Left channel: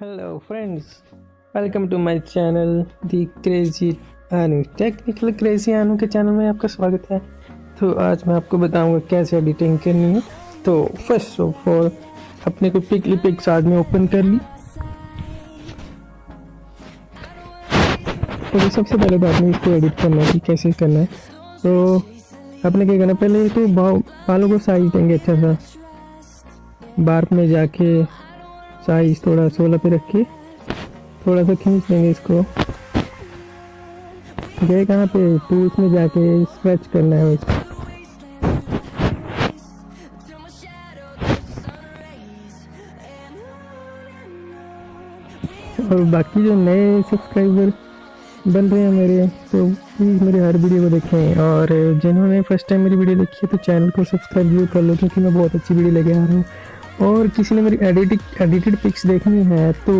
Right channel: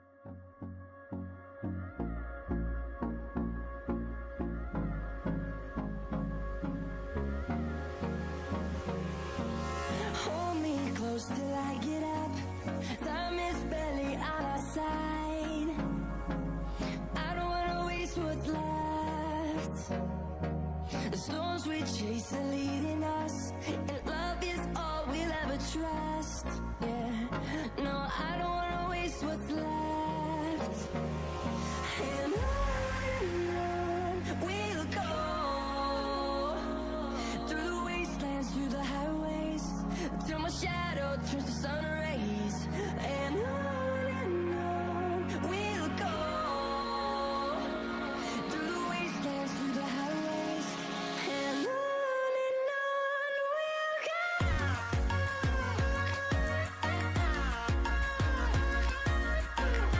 Hello friends, welcome to my channel The Crazy Anu। Technical crazy आनू के channel में आपका स्वागत है। तो आज मैं आपको बताऊंगा कैसे एडिटिंग करनी है। तो फर्स्ट ऑफ ऑल अपने को पिक्सार्ट में ओपन कर ली। तो सबसे पहले बात में इसको एडिट करना है कि कैसे करना है। तो आपने क्या करना, पहले तो बालों को साइज देंगे अच्छा सा। बार्क में जाके साइज थोड़ा 16 पे रख के थोड़ा सा खींच लेंगे इसको। गए कहाँ पे, टूल्स में जाके स्ट्रेच करना है इसको। और बाकी जो नए सब्सक्राइबर बन रहे हैं मेरे, तो प्लीज़ मेरे हर वीडियो को देखें। और जिन्होंने फर्स्ट टाइम मेरी वीडियो देखी है तो चैनल को सब्सक्राइब भी कर लो, क्योंकि मैं बहुत अच्छी वीडियो लेके आ रहा हूँ। और किसी ने मेरी एडिटेड पिक्स देखनी है तो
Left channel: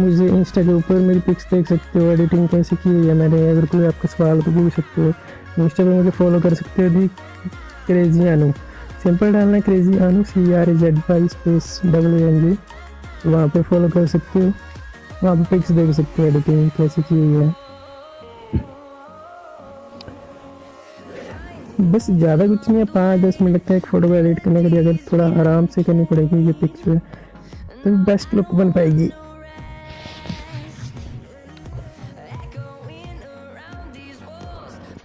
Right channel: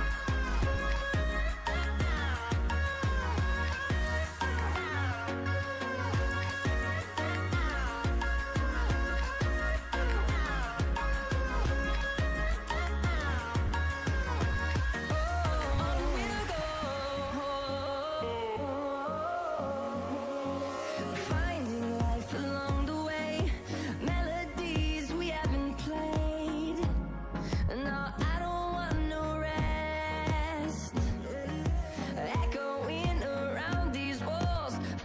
मुझे इंस्टा के ऊपर मेरी पिक्स देख सकते हो, एडिटिंग कैसे की हुई है मैंने। अगर कोई आपका सवाल तो पूछ सकते हो। इंस्टा पर मुझे फॉलो कर सकते हो, क्रेजी आनू सिंपल डालना है, क्रेजी आनू CRZ5 वहाँ पर फॉलो कर सकते हो। वहाँ पर पिक्स देख सकते हो एडिटिंग कैसे की हुई है। बस ज़्यादा कुछ नहीं है, 5-10 मिनट लगता है एक फ़ोटो को एडिट करने के लिए। अगर थोड़ा आराम से करनी पड़ेगी ये पिक्स तो बेस्ट लुक बन पाएगी।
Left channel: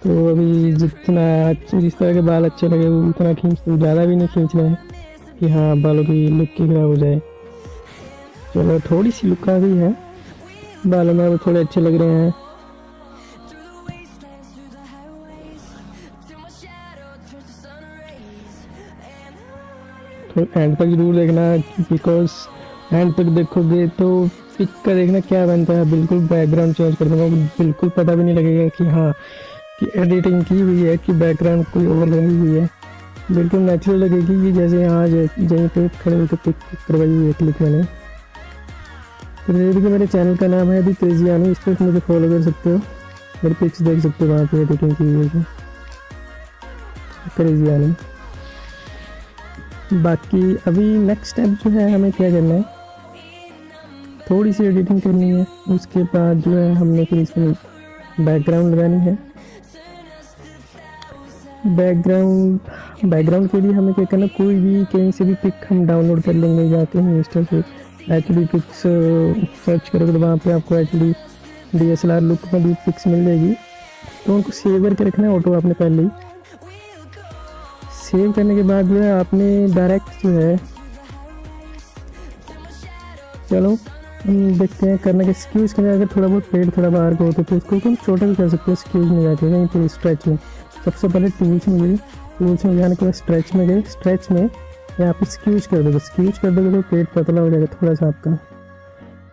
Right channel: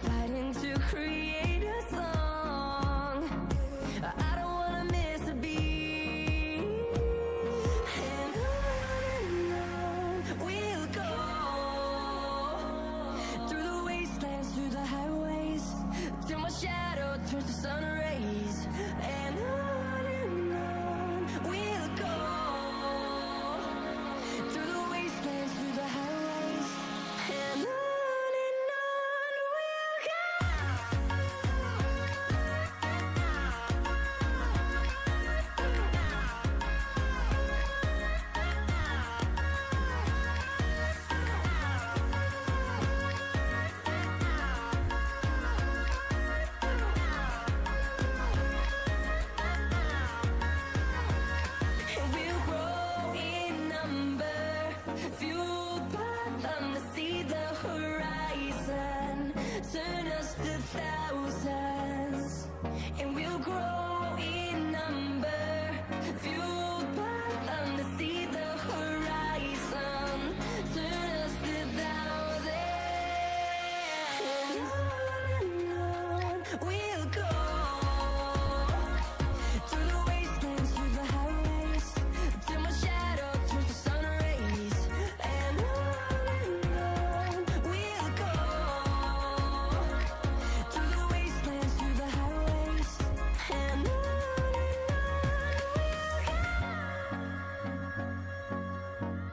तो अभी जितना जिस तरह के बाल अच्छे लगे उतना खींच लो, ज़्यादा भी नहीं खींचना है कि हाँ बालों की लुक की खराब हो जाए। चलो थोड़ी सी लुक आ गई है, बालों में थोड़े अच्छे लग रहे हैं। एंड तक जरूर देखना, बिकॉज एंड तक देखोगे तो पिक का देखना क्या बनता है। बिल्कुल बैकग्राउंड चेंज कर दूँगा, बिल्कुल पता भी नहीं लगेगा कि हाँ कि एडिटिंग की हुई है कि बैकग्राउंड कोई ओवरलैप हुई है। बिल्कुल नेचुरल लगेगी कि जैसे यहाँ जहीं पे खड़े होकर पिक करवाई हुई है क्लिक मैंने। तो देखिए मेरे चैनल का नाम है दी क्रेजी आनू, इस पर मुझे फॉलो कर सकते हो और पिक्स देख सकते हो वहाँ पर एडिटिंग की हुई है क्रेजी आनू। बाकी अभी नेक्स्ट स्टेप जो है हमें क्या करना है, थोड़ी सी एडिटिंग करनी है। उसके बाद जो है हमने फिर इसमें बैकग्राउंड लगानी है। बैकग्राउंड के लिए हमें क्या करना है, कोई भी कहीं से भी पिक हम डाउनलोड कर लेंगे जाते हैं इंस्टा से। एक्चुअली पिक्स सर्च करोगे तो वहाँ पे आपको एक्चुअली DSLR लुक वाली पिक्स मिल जाएगी। तो उनको सेव करके रखना है ऑटो आपने पहले ही। सेव करने के बाद जो है आपने डायरेक्ट जो है, चलो देखते हैं करने के स्क्यूज का। अगर थोड़ा बहुत पेड़ थोड़ा बाहर गए तो इसको तुम छोटा भी कर सकते हो, स्क्यूज में जाके नहीं तो स्ट्रेच में। सबसे पहले टूल्स में जाने के बाद स्ट्रेच में गए, स्ट्रेच में यहाँ पर स्क्यूज कर दोगे। स्क्यूज कर दोगे तो पेट पतला हो जाएगा थोड़ा सा आपका।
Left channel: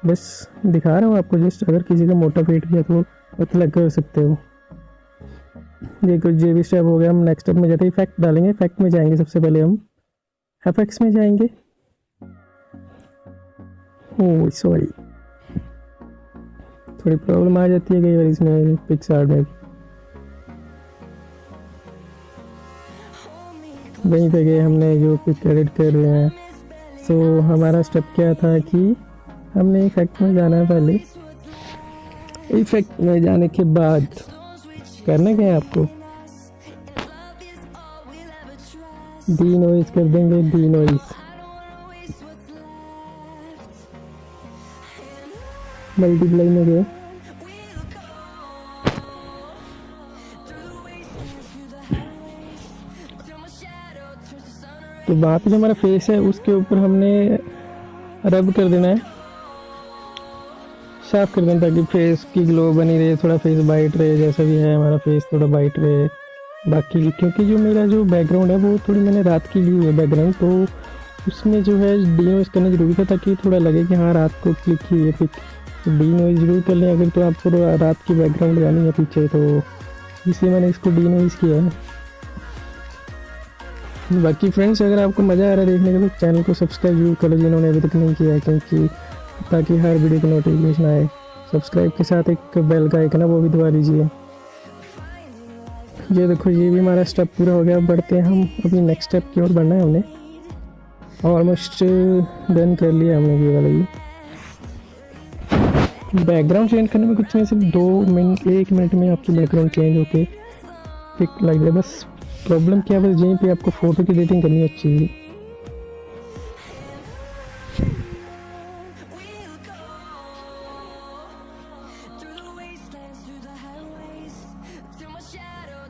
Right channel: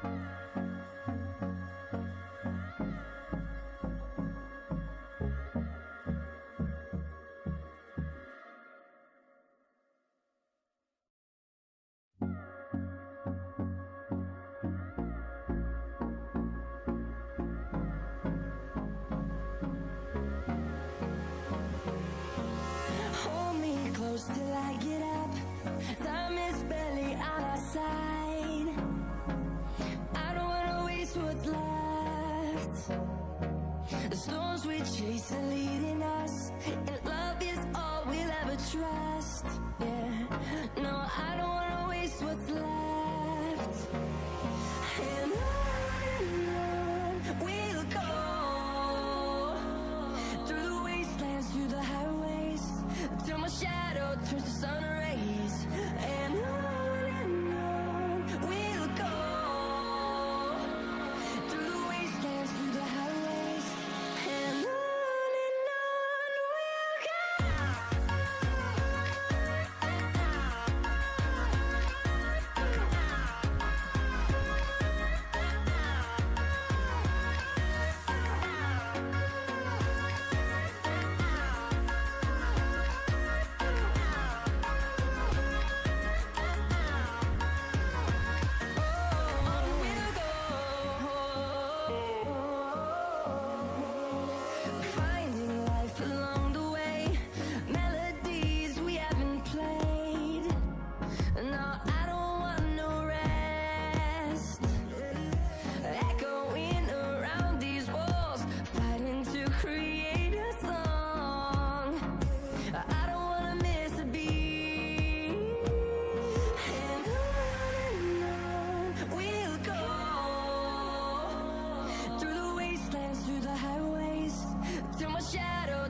बस दिखा रहा हूँ आपको जस्ट, अगर किसी का मोटा पेट भी है तो पतला कर सकते हो। ये कुछ जे भी स्टेप हो गया। हम नेक्स्ट स्टेप में जाते हैं इफेक्ट डालेंगे। इफेक्ट में जाएंगे, सबसे पहले हम एफएक्स में जाएंगे। ओह सॉरी, थोड़ी प्रॉब्लम आ जाती है कई बार इसमें पिक्सार्ट में। वहीं पे गए हमने जो कुछ एडिट कर रहे हैं। तो हमारा स्टेप क्या था कि हमने इफेक्ट में जाना है। पहले इफेक्ट में जाने के बाद करना क्या है आपको, डी नॉइज कर देंगे। डी नॉइज मल्टीप्लाई में गए, तो वहाँ पे जो हमारा फेस है उसके ऊपर हमने रब कर देना है, साफ कर देना, ताकि फेस की ग्लो बनी रहे, थोड़ा फेस वाइट रहे। जैसा भी है हमारा फेस थोड़ा वाइट रहे। बाकी क्योंकि जो मेरा जो बैकग्राउंड है वो थोड़ी मैंने रात की ली है बैकग्राउंड, तो उसमें जो है डी नॉइज करने की जरूरत है, ताकि थोड़ा लगे कि हाँ रात को क्लिक की है पिक। डी नॉइज जरूर कर लें अगर तो आपको रात की बैकग्राउंड लगानी है पीछे, तो इसलिए मैंने इसको डी नॉइज किया है। बाकी फ्रेंड्स अगर आपको मज़ा आ रहा है देखने के लिए चैनल को सब्सक्राइब जरूर करें जिन्होंने अभी तक नहीं किया, क्योंकि ताकि हर वीडियो को नोटिफिकेशन आए। सब्सक्राइब के साथ एक बेल का आइकन है वो भी दबा दीजिएगा। ये देखो ये भी हमारा स्टेप पूरा हो गया। बढ़ते हैं हम अभी नेक्स्ट स्टेप की ओर बढ़ना है। हमने ऑलमोस्ट डन कर लिया हमने ये वाला। बैकग्राउंड चेंज करने में कुछ नहीं, सिर्फ 2 मिनट 1 मिनट में आपकी बैकग्राउंड चेंज होके ठीक लग रहा है। बस प्रॉब्लम क्या है, बस यहीं पे आपको फ़ोटो की एडिटिंग करनी अच्छी है।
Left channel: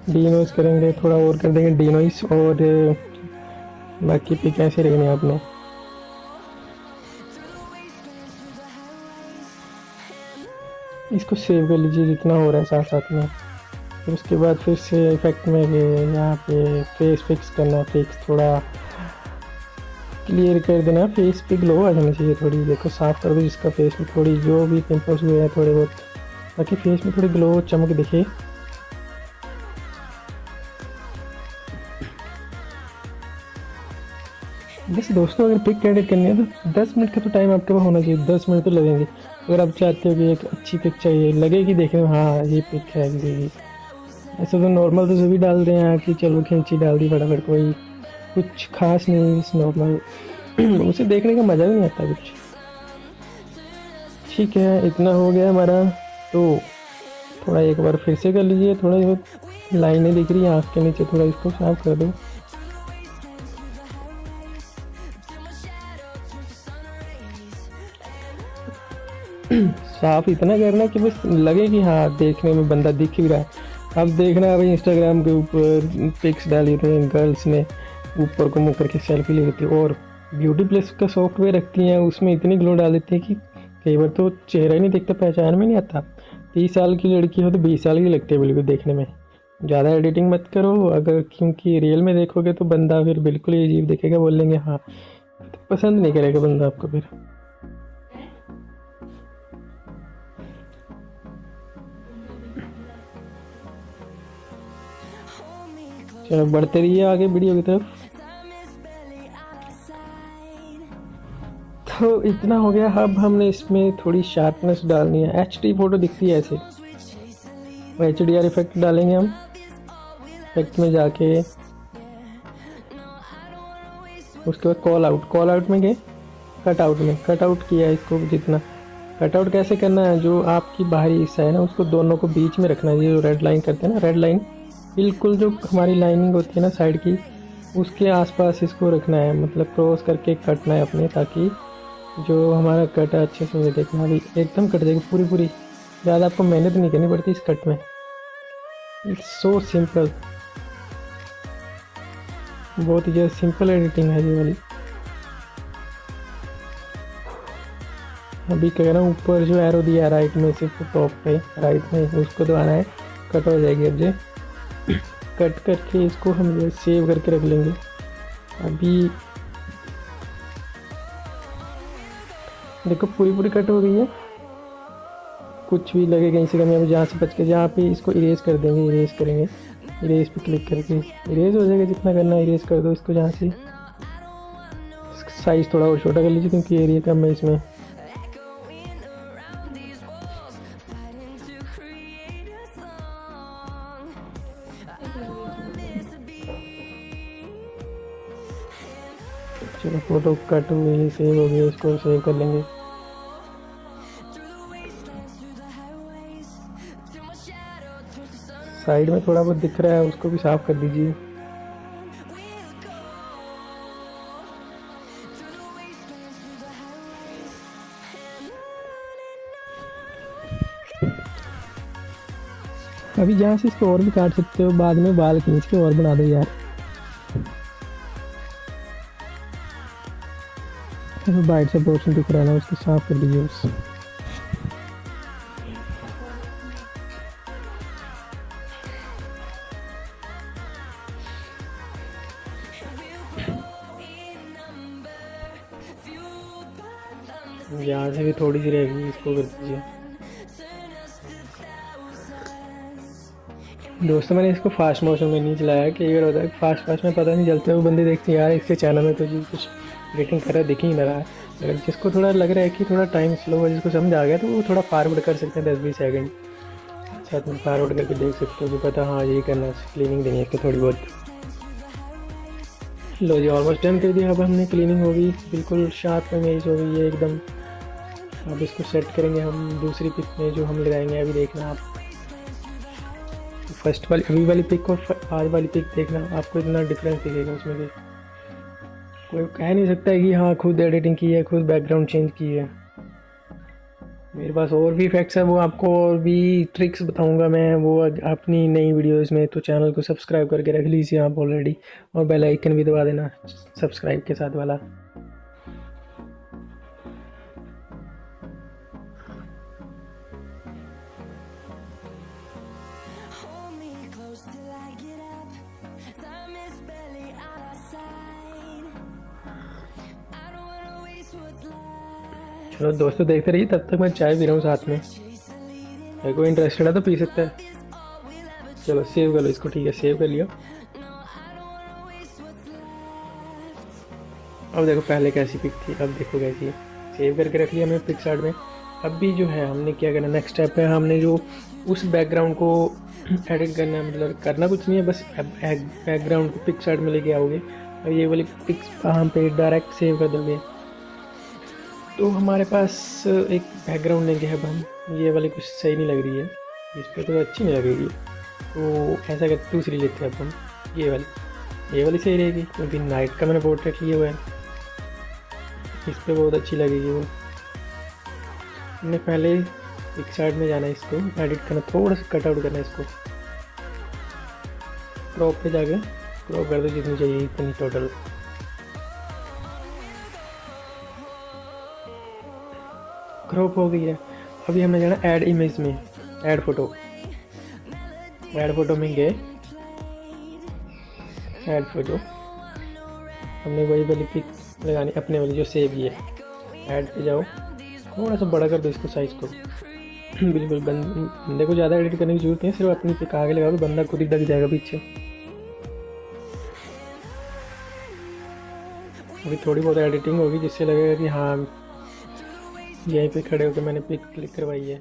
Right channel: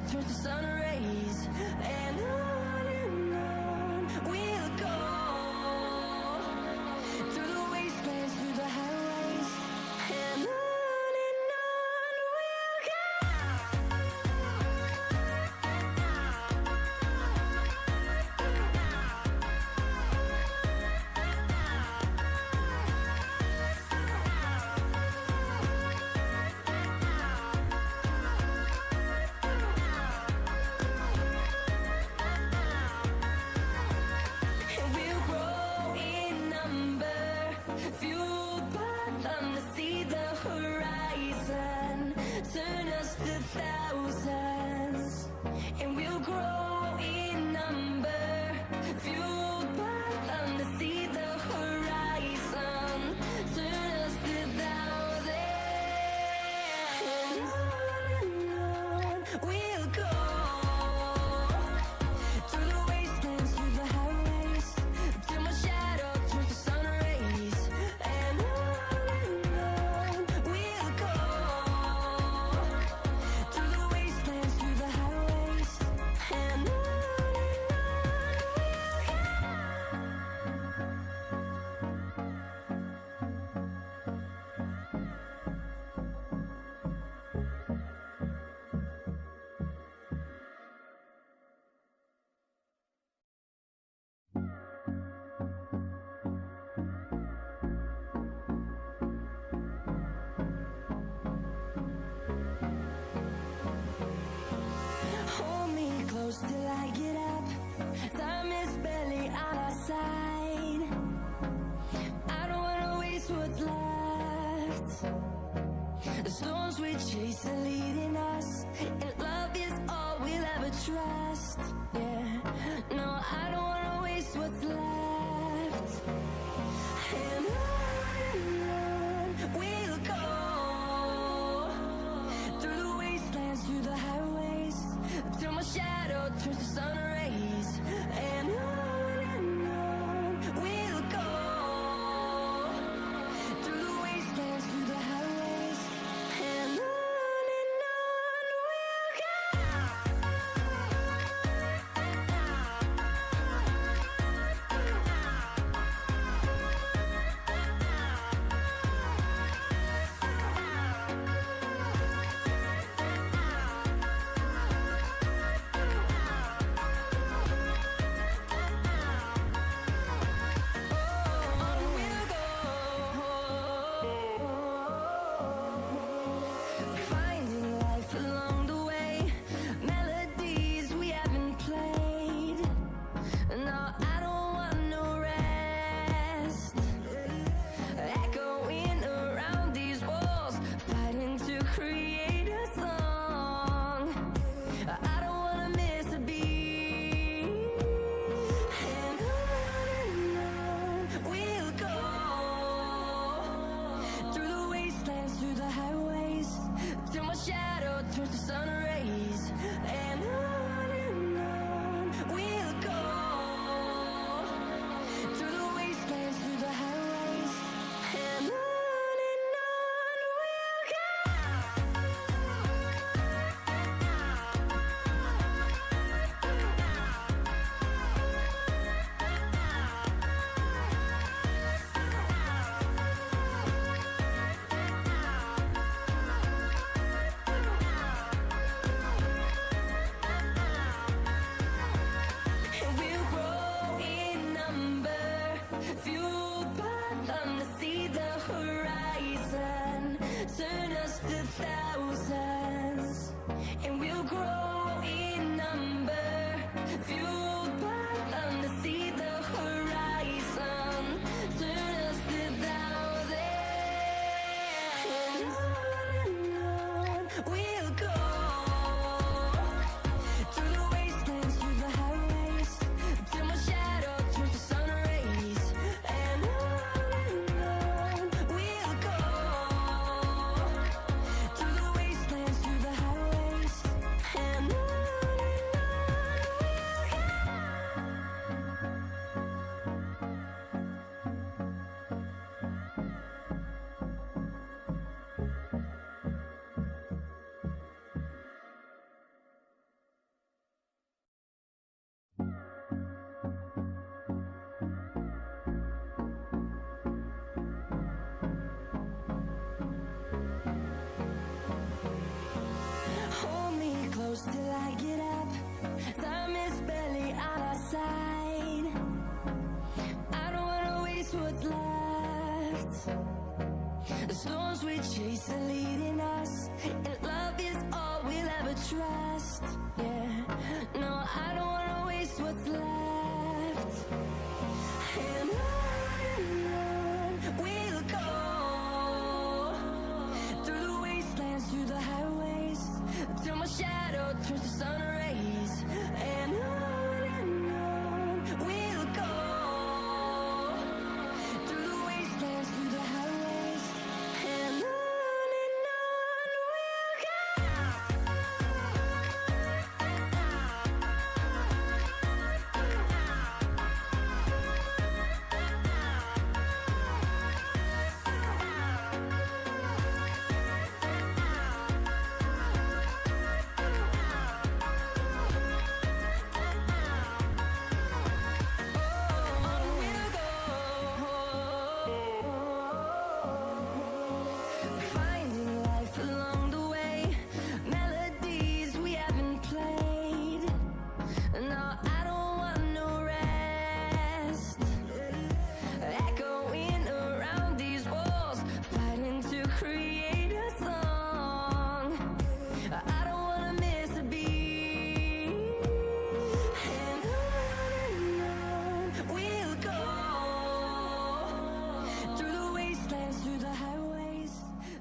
डीनोइस करेंगे, थोड़ा और कर देंगे डीनोइस, और बाकी पे कैसे रहेंगे आप लोग। इसको सेव कर लीजिए जितना हो रहा है साथ साथ में। फिर उसके बाद फिर से इफेक्ट में यहाँ पे फेस फिक्स करना, फिक्स थोड़ा क्लियर कर देना, फेस पे ग्लो आ जाना चाहिए थोड़ी। देखो साफ कर दो इसका फेस में, थोड़ी जो भी पिंपल्स हुए हैं थोड़े बहुत, बाकी फेस में थोड़ी ग्लो चमक दिखे। बस दोस्तों, अगर पिक एडिट करनी है तो 10 मिनट का तो टाइम आपके पास होना चाहिए, 10 मिनट तो लगेंगे। अगर आप चाहते हो कि एक अच्छी पिक चाहिए, लगेगी देखने में हाँ ये पिक है लगेगी, ऐसे तो नॉर्मल तो सभी डाल दें यहाँ कि चलो खींची डाल दी फटाफट, कोई कुछ खास नहीं इस नॉर्मल उसे देखने का मज़ा ही नहीं आता कुछ। ठीक है, इतना हो गया हमारा, तो थोड़ा एक बार फिर से कर लीजिए। थोड़ा बहुत लाइनें दिख रही हैं आँख के नीचे, थोड़ा इसको साफ कर दो। साफ इतना करना कि बस लगे कि हाँ देखने में बंदा दिख ही रहा है। अब देखना अभी इंस्टाग्राम के ऊपर पिक्स डाली थे गर्ल्स ने, ऊपर को मुँह करके सेल्फी ले लेती, और ब्यूटी प्लस का सॉफ्टवेयर रखती हैं, उसमें इतनी ग्लो डाल देती है कि कई बार तो चेहरा ही नहीं दिखता, पहचान में नहीं आता। 30 साल की लड़की हो तो 20 साल की लगती है बिल्कुल देखने में। ज़्यादा एडिटिंग मत करो अगर, क्योंकि रियल में देखोगे तो बंदा फिर बिल्कुल ही अजीब दिखेगा, बोलेंगे हाँ, तो पसंद नहीं करेगा बंदा आपको फिर। चलो बढ़ते रहिए आगे वीडियो की तरफ। तो इतना हो गया। अब हमने इसमें थोड़ी शार्पनेस डालनी है, HD फोटो दिखती है ऐसे, HDR इफेक्ट डालेंगे हम। इफेक्ट में जाके उसके बाद कॉल आउट में गए, कट आउट किया इसको जितना। कट आउट कैसे करना है, जो आपकी बाहरी हिस्सा है ना उसको दोनों को बीच में रखना है, जो रेड लाइन करते हैं ना, रेड लाइन बिल्कुल जो हमारी लाइनिंग होती है ना साइड की, उसके आसपास इसको रखना है, मतलब क्रॉस करके कटना है अपने, ताकि जो हमारा कट है अच्छे से देखे, हमारी एकदम कट जाएगी पूरी। ज़्यादा आपको मेहनत नहीं करनी पड़ती इस कट में, इट्स सो सिंपल, बहुत ही सिंपल एडिटिंग है ये वाली। अभी कह रहा हूँ ऊपर जो एरो दिया राइट में से टॉप पे राइट में, उसको तो आना है, कट हो जाएगी। अब ये कट करके इसको हम ये सेव करके रख लेंगे। अभी देखो पूरी कट हो गई है, कुछ भी लगेगा इसी का मेरे जहाँ से बच के, जहाँ पे इसको इरेज कर देंगे, इरेज करेंगे, इरेज पे क्लिक करके इरेज हो जाएगा, जितना करना है इरेज कर दो इसको। जहाँ से साइज थोड़ा और छोटा कर लीजिए क्योंकि एरिया कम है इसमें। चलो फोटो कट हुई सेव हो गई, इसको सेव कर लेंगे। साइड में थोड़ा बहुत दिख रहा है उसको भी साफ कर दीजिए। अभी जहाँ से इसको और भी काट सकते हो, बाद में बाल खींच के और बना दो यार। बाइट से पोर्शन दिख रहा है ना, उसको साफ कर दीजिए उससे। यहाँ से भी थोड़ी सी रहेगी, इसको कर दीजिए। दोस्तों मैंने इसको फास्ट मोशन में नहीं चलाया, कि अगर होता है फास्ट में पता नहीं चलता, वो बंदे देखते हैं यार इसके चैनल में कुछ रेटिंग कर रहा दिख ही नहीं रहा है। अगर जिसको थोड़ा लग रहा है कि थोड़ा टाइम स्लो है, जिसको समझ आ गया तो वो थोड़ा फॉरवर्ड कर सकते हैं 10-20 सेकंड, अच्छा फॉरवर्ड करके देख सकते हो, पता हाँ यही करना, क्लीनिंग देनी है तो थोड़ी बहुत। लो जी ऑलमोस्ट डन कर दिया। अब हमने क्लीनिंग हो गई, बिल्कुल शार्प इमेज हो गई है एकदम। अब इसको सेट करेंगे हम दूसरी पिक में जो हम लगाएंगे। अभी देखना आप फर्स्ट वाली ई वाली पिक और आर वाली पिक देखना, आपको इतना डिफरेंस दिखेगा उसमें भी। कोई कह नहीं सकता है कि हाँ खुद एडिटिंग की है, खुद बैकग्राउंड चेंज की है। मेरे पास और भी इफेक्ट्स हैं, वो आपको और भी ट्रिक्स बताऊंगा मैं वो अपनी नई वीडियोस में। तो चैनल को सब्सक्राइब करके रख लीजिए आप ऑलरेडी, और बेल आइकन भी दबा देना सब्सक्राइब के साथ वाला। चलो दोस्तों देखते रहिए, तब तक मैं चाय पी रहा हूँ साथ में। अगर कोई इंटरेस्टेड है तो पी सकता है। चलो सेव कर लो इसको, ठीक है सेव कर लिया। अब देखो पहले कैसी पिक थी, अब देखो कैसी है। सेव करके रख लिया हमने पिक्सार्ट में। अब भी जो है हमने क्या करना, नेक्स्ट स्टेप है हमने जो उस बैकग्राउंड को एडिट करना है। मतलब करना कुछ नहीं है, बस बैकग्राउंड पिक्सार्ट में लेके आओगे और ये वाली पिक्स हम पे डायरेक्ट सेव कर दोगे। तो हमारे पास एक बैकग्राउंड लेके है हम, ये वाली कुछ सही नहीं लग रही है, इस पर तो अच्छी नहीं लग रही है। तो ऐसा कर दूसरी लेते हैं अपन, ये वाली सही रहेगी क्योंकि नाइट का मैंने पोर्ट्रेट किया हुआ है, इस पर बहुत अच्छी लगेगी वो। हमने पहले पिक्सार्ट में जाना है, इस पर एडिट करना, थोड़ा सा कट आउट करना है इसको। क्रॉप पे जाके क्रॉप कर दो जितनी चाहिए इतनी टोटल। क्रॉप हो गई है। अभी हमें जाना ऐड इमेज में, ऐड फोटो में गए, ऐड फोटो हमने वही वाली पिक लगानी अपने वाली जो सेव है। ऐड पे जाओ, थोड़ा सा बड़ा कर दो इसको साइज को। बिल्कुल बंदे को ज़्यादा एडिट करने की जरूरत नहीं है, सिर्फ अपनी पिक आगे लगाओ, बंदा खुद ही दब जाएगा पीछे। अभी थोड़ी बहुत एडिटिंग होगी जिससे लगेगा कि हाँ यहीं पे खड़े होकर मैंने पिक क्लिक करवाई है।